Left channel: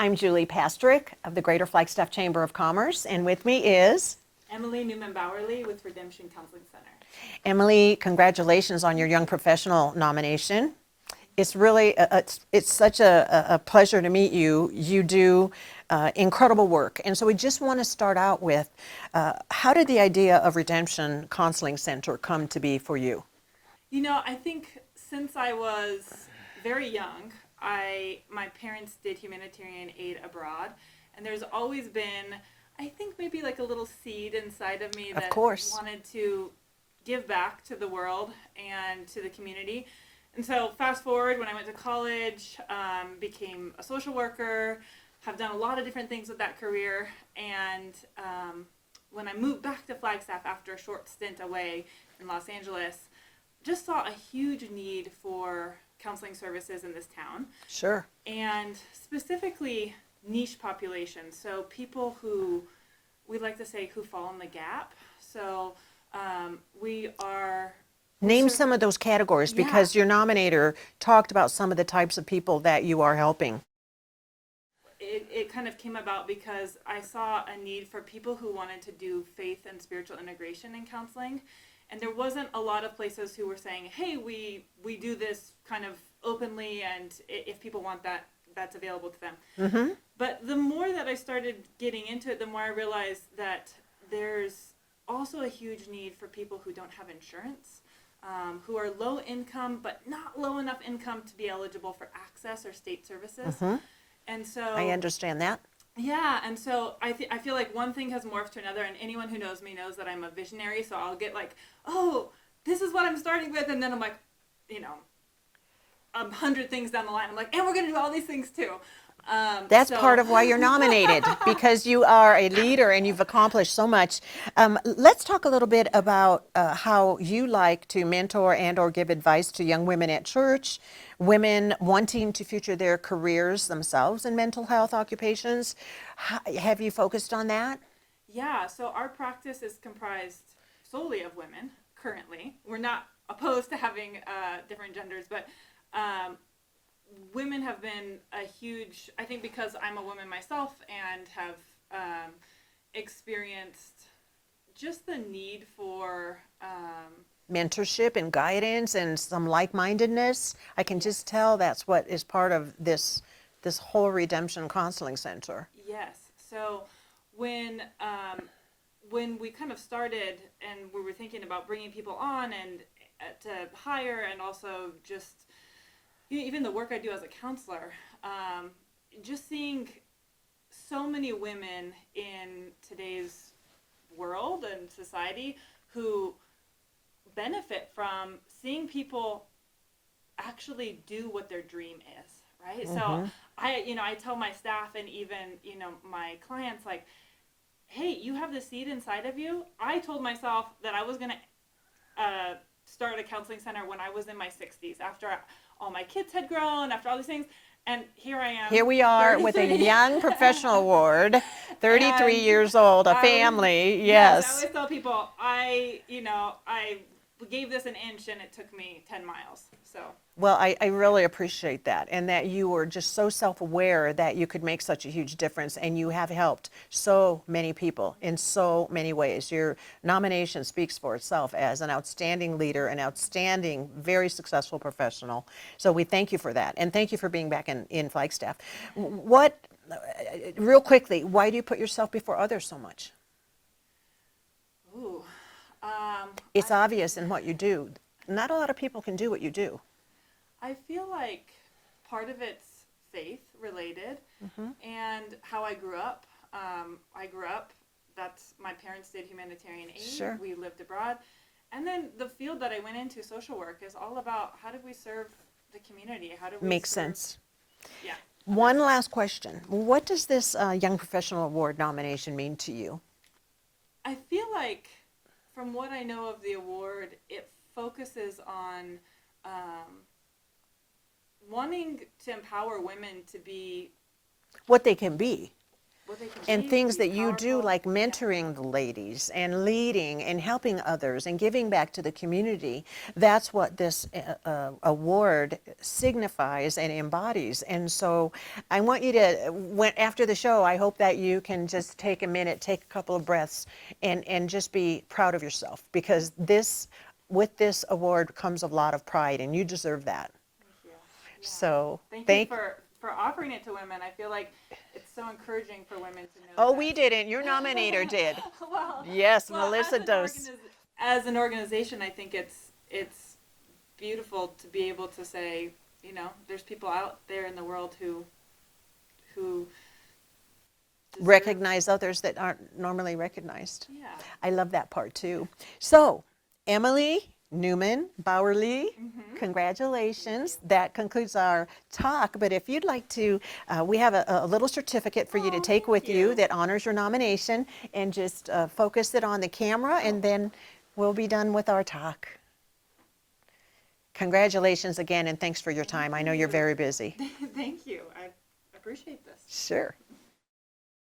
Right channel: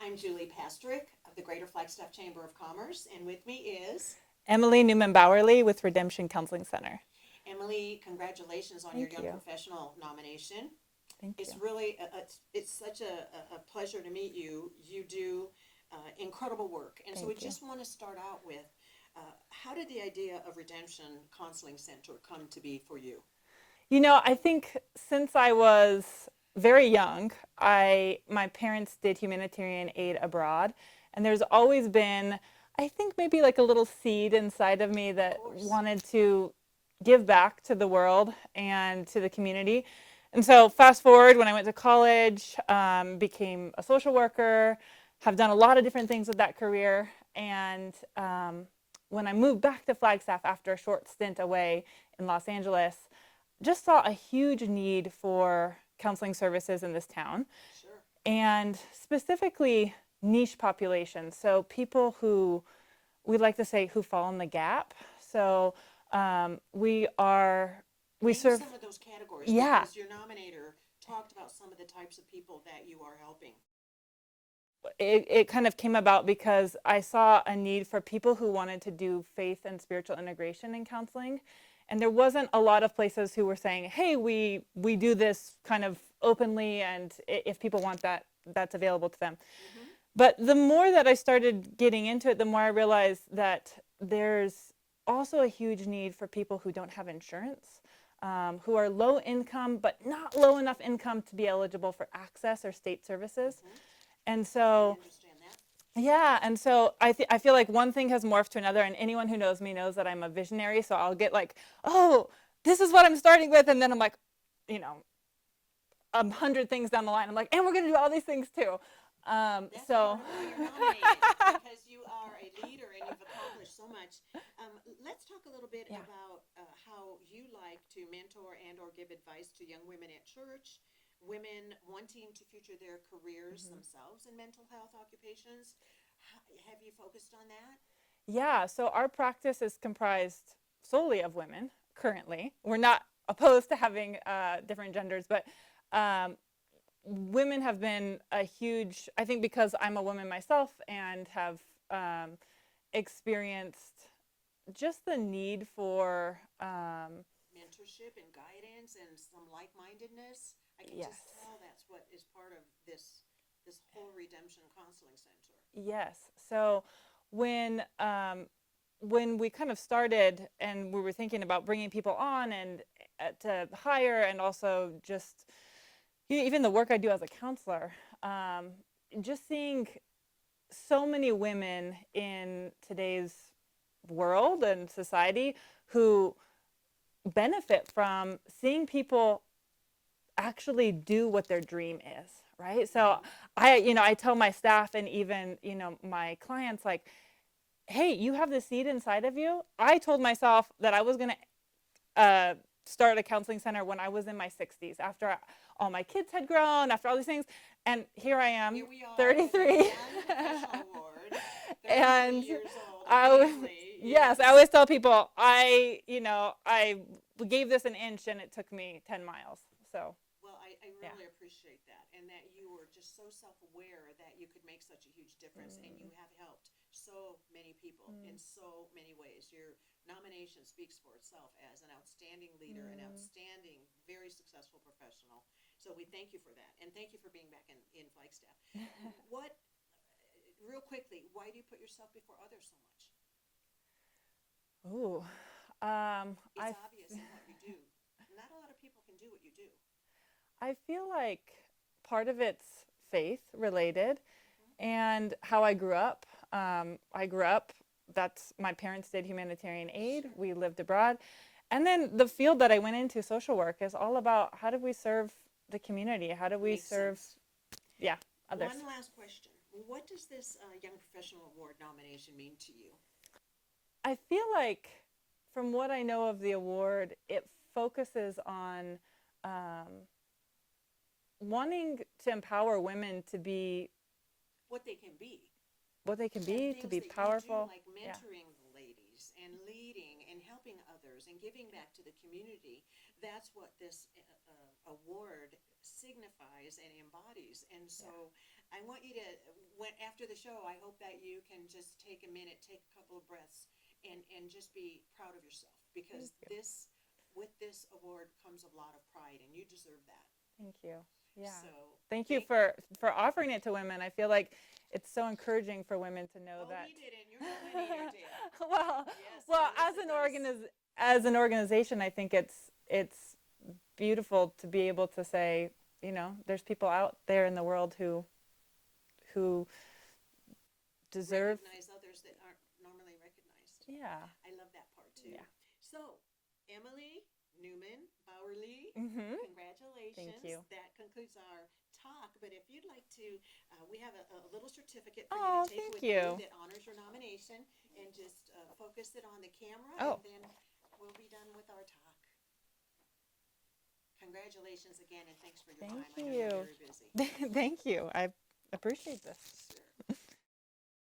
I'm Julie Pastrick of the Greater Flagstaff Chamber of Commerce, and with me is Emily Neauman Baurerie with Redemption Counseling Center. Emily. Congratulations on your Young Professional nomination. It's really, it's such a pleasure to meet you. You do incredible work. And so we just want to start out with, how did the idea of Redemption Counseling Center come to be for you? You know, I think since I was very young, my parents did humanitarian aid abroad, and there's always been, I think maybe like a little seed inside of me that wanted to give back to the world and to the community. And so fast forward, when I went to college, became a social worker, have done a lot of different things with that career. And when I moved back to Flagstaff after a short stint away in Los Angeles, just saw a huge need for counseling services in this town. Sure. And specifically niche populations. So people who, we like to say, who fall in the gap. So Name some of those categories, because your nominator talked about some of the types of people that you are helping. It kind of came about because I saw a need for people who wanted to do faith and spiritual integration in counseling. And there wasn't a lot of places who were saying, hey, we do this kind of openly, and if people want that, that's available to them. Mm-hmm. But the more that I started getting into it, the more I realized that there's also a huge need for people who don't have insurance, who are low income, but not low enough income to be eligible for access or state services. Mm-hmm. And so I understand that. Yeah, and so I feel like one thing has morphed to another, and anyone who knows me knows that I'm a visionary, so I'll get like, oh, this is what I'm starting with, and then I'm like, 100 things down the line. I'm like, and we're going to do all these things too. That's part of why you're nominated, because you are a leader and you've accomplished so much. Let's talk a little bit about how you like to mentor and or give advice to young women at church, women wanting to future their careers themselves in mental health occupations. Have you focused on that? Yeah, so our practice is comprised solely of women currently. We're not opposed to having different genders, but women have been a huge, I think because I'm a woman myself and have experienced just the need for mentorship and guidance and some like-mindedness. I can just tell that's what is part of this whole Redemption Counseling Center. Yes. So when we kind of started and we were thinking about bringing people on and to hire, and also just even the work I do as a counselor, just seeing so many women in today's world and society who benefit from seeing people actually do what their dream is, right? Mm-hmm. So I tell my staff and even, my clients, like, hey, you have the seed inside of you. I told myself that I was going to start a counseling center when I was in my 60s, after all my kids had grown, after all these things. And here I am. Here we are 33. With a Young Professional Award, 33 years old, a family. Yes. I always tell people, I gave this an inch and it took me 10 miles. So. Well, I really appreciate that, and that you were just so self-aware that you could make such a huge difference, and you have helped so many people in so many ways. Your nomination speaks for itself as an outstanding leader, an outstanding, very successful professional. So we thank you for that, and thank you for being back in Flagstaff. Real quickly, why do you put yourself before others so much? Ooh. It's obvious in what you do. Not a lot of people can do what you do. I feel like part of it's faith related, mm-hmm. and how I grew up. That's my parents did humanitarian aid. Sure. We lived abroad. And then the field that I went into, social work, is all about how do we serve the community? How do we Makes sense. Yeah. One last question. What does this Young Professional Award nomination mean to you? I feel like, from what I know of the award, it focuses on wanting to empower women to be what they can be. what they can be, And things be that you do, powerful. like Yeah. mentoring the ladies and leading and helping others and giving back to the community. That's what this award signifies and embodies. And so I want you to, after the show, I hope that you can just take a minute, take a couple of breaths, and just be proud of yourself, because with this award comes a lot of pride, and you deserve that. Thank you. Yeah. So Thank you for offering it to women. I feel like it's so encouraging for women to know. Oh, that. we didn't. Your nominator did. Well, Yes, well, Melissa does. As an organization, I think it's beautiful to be able to say, you know, there's people out there in the world who deserve. Recognize others that aren't normally recognized. Yeah. I love that part too. So, Emily Neauman, Baurerie, congratulations. That concludes our talk. But if you'd like to, we have a little certificate for you to take with you that honors your nomination, and just focus it on the camera, and then we'll be done with our talk. Congratulations again, and thanks for your time. I know you're very busy. Thank you. I appreciate this. Sure.